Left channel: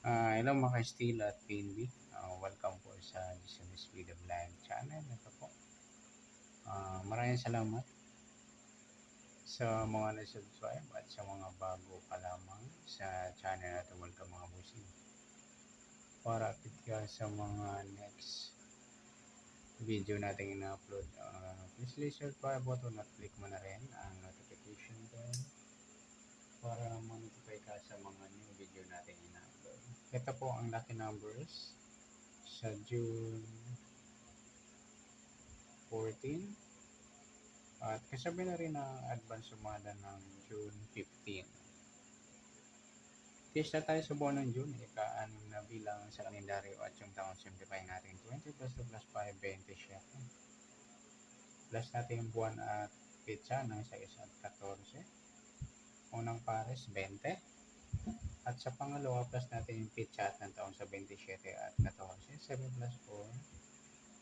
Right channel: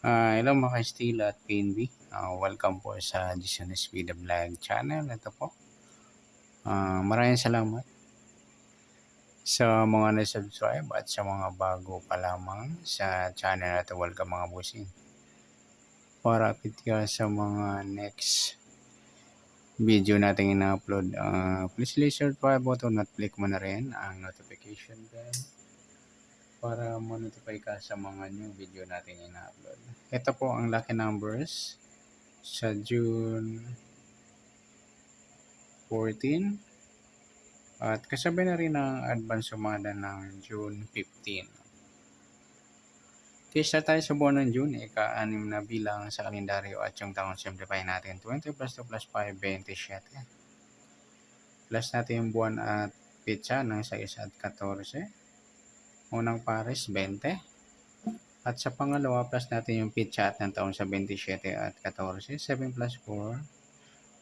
Hello mga ka-Stila at PNB. Welcome po sa Edition Speed Vlog channel. Ito po. Maraming salamat sa mga na-subscribe at sa mga bago pa lamang sa channel na ito. Welcome mga busing. Para update ka sa mga next video natin ina-upload. Please leave your subscribe button at click mo na rin ang notification bell para ma-notify ka sa mga new video natin ina-upload. Ito po ang lucky numbers sa June 14 at kasabay na rin ang advance sumada ng June 15. Tisa tayo sa buwan ng June, ika-6 na bilang sa kalendaryo at yung taong simplify natin 20 plus 2 plus 5, 27. Plus natin yung buwan at pitsa ng 6 at 14. Unang pares 20. At sa pangalawa plus natin yung pitsa at ng taong sa 27 at 14. 7 plus 4,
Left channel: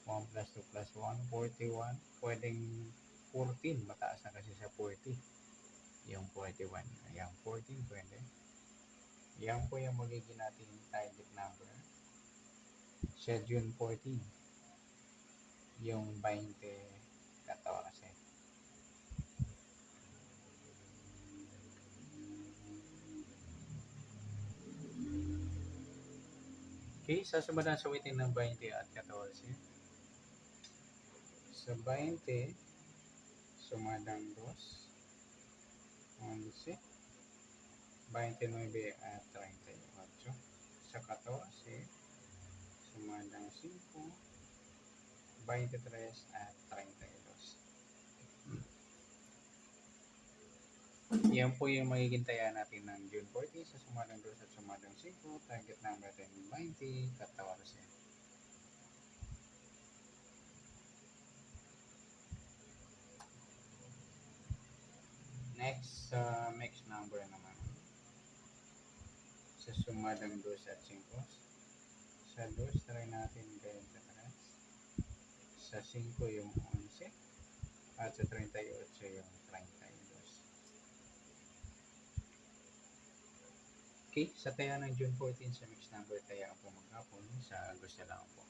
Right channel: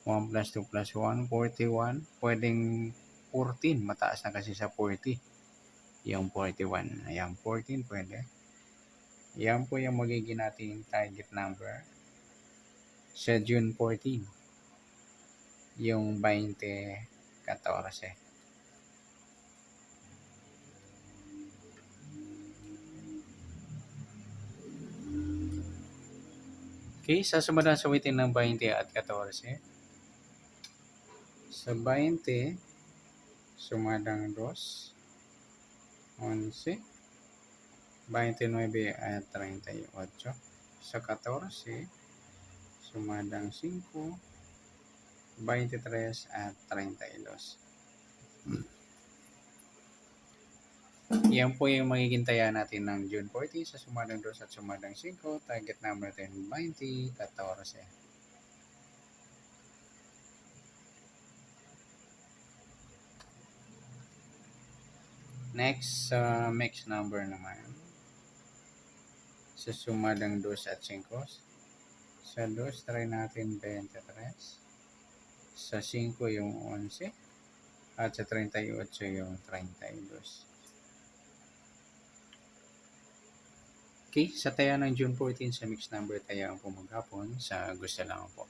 1 plus 2 plus 1, 41. Pwedeng 14, mataas na kasi sa 40. Yung 41, ayan 14 pwede. Yan po yung magiging natin target number sa June 14. Yung 2014. Okay, sa sumunod sa witin ng 20 at 14. Sa 20, sumadang 2, 11, 29 at 38. Sa 14, sumadang 5, 23 at 32. Yan po yung magiging taya natin ng June 14 sa sumadang 2 at sumadang 5. Target number 10, 20, 14. Next, mix number naman. Sa sumadang 2 at 5. Sa 2, try natin 23. Sa 5 yung 11. At sa 38 yung 32. Okay, sa taya ng June 14 sa mix number taya ang pumagapon sa gusto lang po.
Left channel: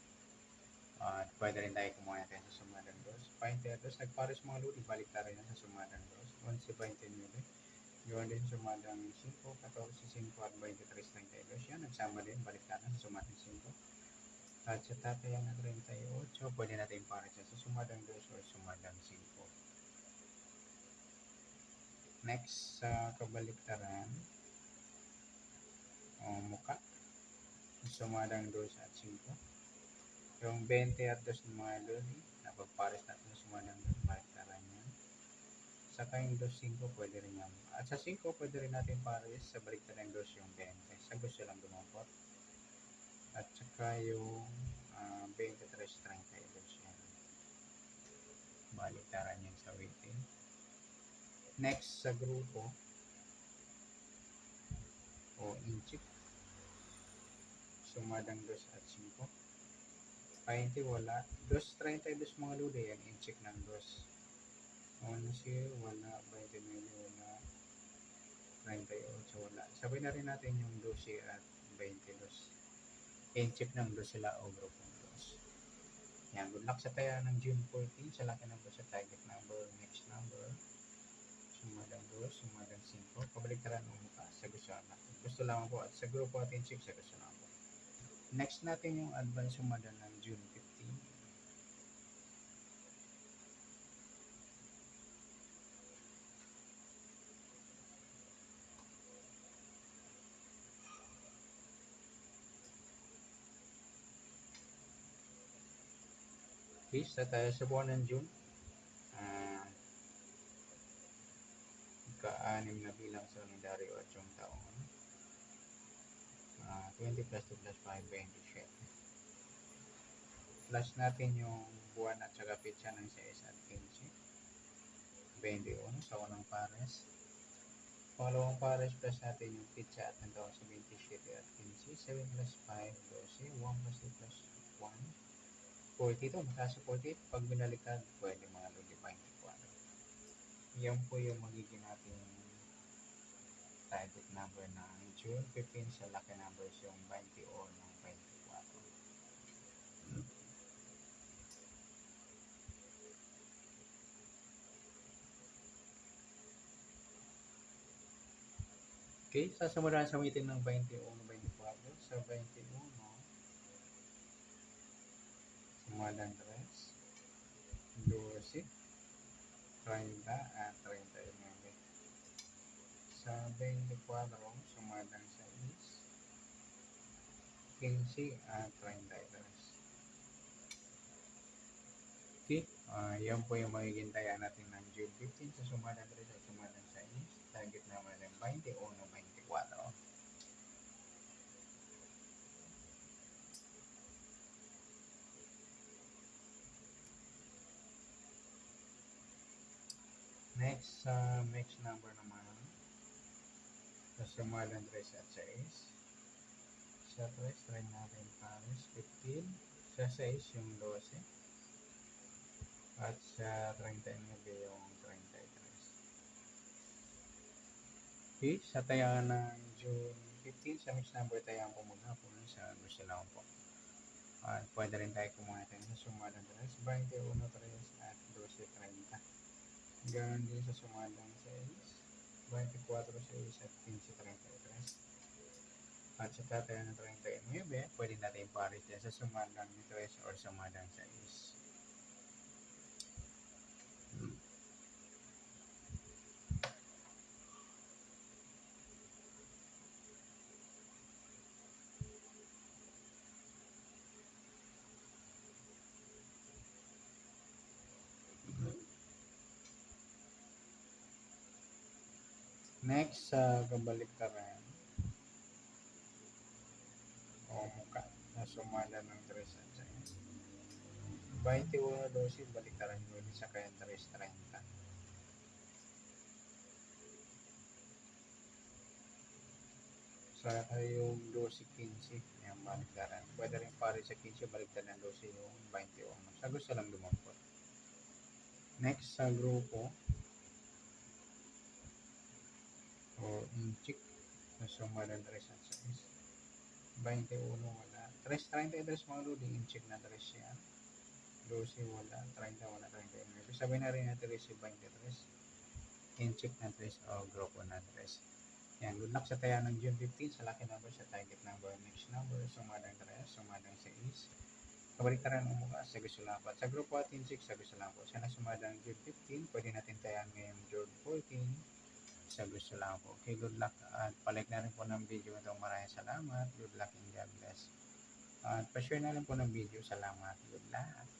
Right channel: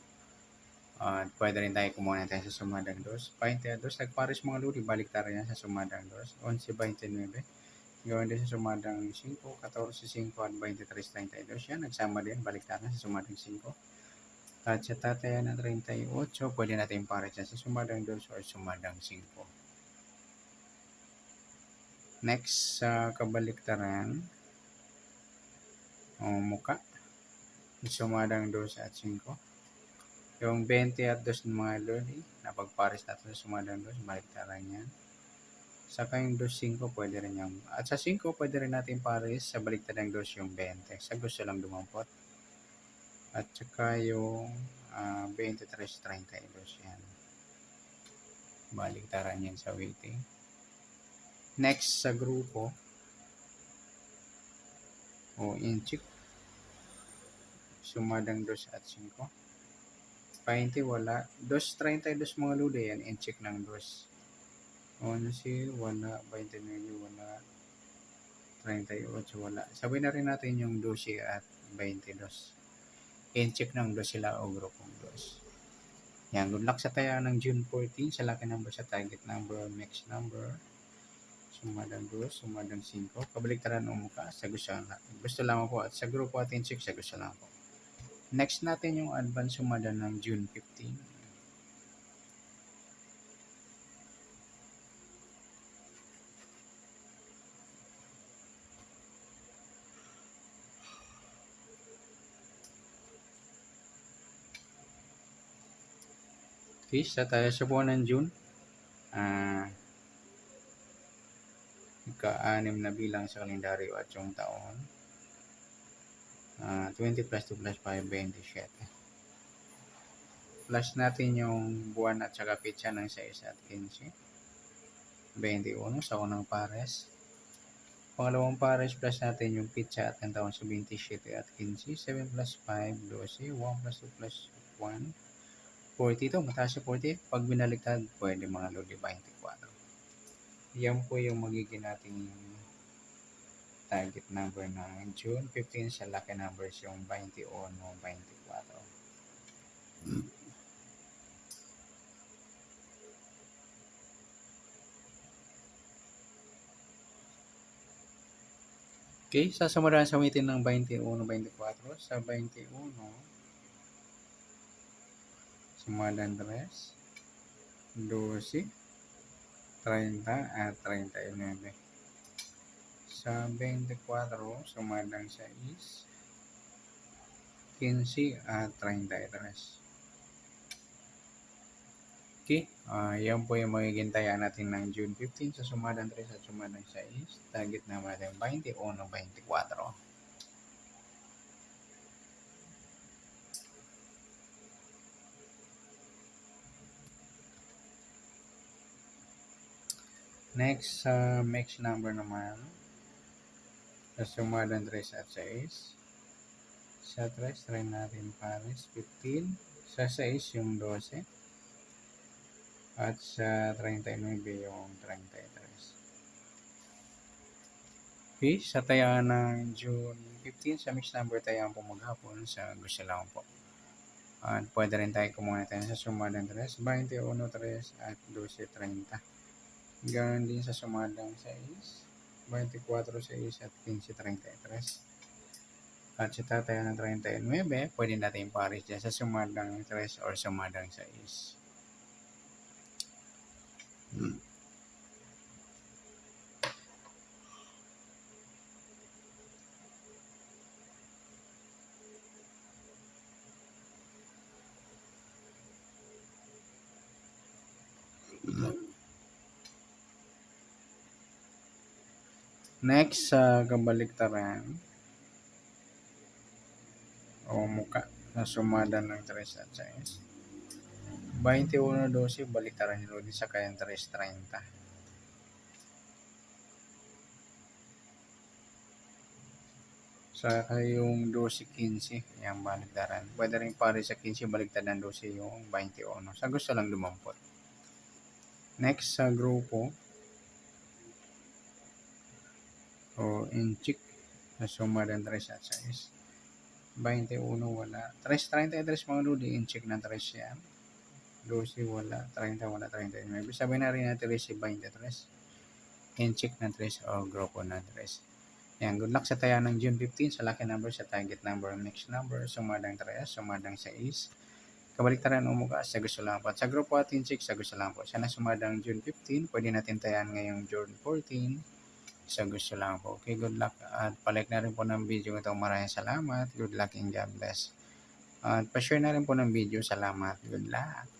At pwede rin tayo kumuha natin sa sumadang 2. 22, nagpares mga luri, balik tayo yan sa sumadang 2. 11, 29. Gawin din sa sumadang 5, 14, 5 at 23, 32. Yan, nagsama din, balik tayo sa sumadang 5. At sa tataya ng 38, pwede natin pares yan sa sumadang 2 or sumadang 5. Next, sa kabaliktaran, muka, sumadang 2 at 5. Yung 20 at 2 ng mga loli, napagpares natin sa sumadang 2, baliktaran yan. Saka yung 2.5 pwede rin yung, at sa 5 pwede rin natin pares sa baliktaran ng 2 yung 20. Sa gusto lang dumampot. At saka yung 23.32 yan. Baliktaran yan sa waiting. Next sa grupo, inchik, sumadang 2 at 5. 20 wala. 2.32 mga lude yan, inchik ng 2. 11 wala, 29 wala, 38 wala. Sabi na rin natin yung 12 at 22. In-check ng 2 sila o grupong 2. Yan, good luck sa taya ng June 14. Sa lucky number sa target number, mix number. Sumadang 2, sumadang 5. Kabaliktaran ng mukha sa gusto lang. Gusto lang po at sa grupo at in-check sa gusto lang po. Next natin yung advance sumada ng June 15. Okay, sa tayo sa buwan ng June. Ika-6 na bilang sa kalendaryo at yung taon. 20 plus 2 plus 5, 27. Plus natin yung buwan at saka pitsa ng 6 at 15. 21 sa unang pares. Pangalawang pares plus natin yung pitsa at ng taon sa 27 at 15. 7 plus 5, 12. 1 plus 2 plus 1, 42. Mataas sa 40. Pag binaliktad, pwede mga lodi 24. Yan po yung magiging nating target number ng June 15 sa lucky numbers yung 21, 24. Okay, sasamuran sa umitin ng 21, 24. Sa 21, sumadan 3, 12, 30 at 39. Sa 24, sumadang 6, 15 at 33. Okay, yan po yung magiging taya natin ng June 15 sa sumadang 3 at sumadang 6. Target naman natin 21, 24. Next, mix number naman. Sa sumadang 3 at 6. Sa 3, try natin pares 15. Sa 6, yung 12. At sa 39, yung 33. Okay, sa taya ng June 15, sa mix number tayaan po maghapon sa gusto lang po. At pwede rin tayo kumuha natin sa sumadang 3, 21, 3 at 12, 30. Ganoon din sa sumadang 6, 24, 6 at 15, 33. At sa tataya ng 39, pwede natin pares dyan sa sumadang 3 or sumadang 6. Next, sa kabaliktaran o muka na sumada ng 3 at 6. 21, 12, baliktaran nyo din sa kayang 3, 30. Sa yung 12, 15, yung baliktaran. Pwede rin pare sa 15, baliktaran 12 yung 21. Sa gusto lang lumampot. Next, sa grupo o inchik na sumada ng 3 at 6. 21 wala. 3, 33 mga ludi, inchik ng 3 yan. 12 wala. 30 wala. 39. Sabihin na rin natin si 23. Inchik ng 3 o grupo ng 3. Yan, good luck sa taya ng June 15 sa lucky number, sa target number, next number, sumadang 3, sumadang 6. Kabaliktaran umuka sa gusto lang po. At sa grupo at inchik sa gusto lang po. Sana sumadang June 15, pwede natin tayan ngayong June 14 sa gusto lang po. Okay, good luck. At palike na rin po ng video ito. Maraming salamat. Good luck and God bless. At pa-share na rin po ng video. Salamat. Good luck.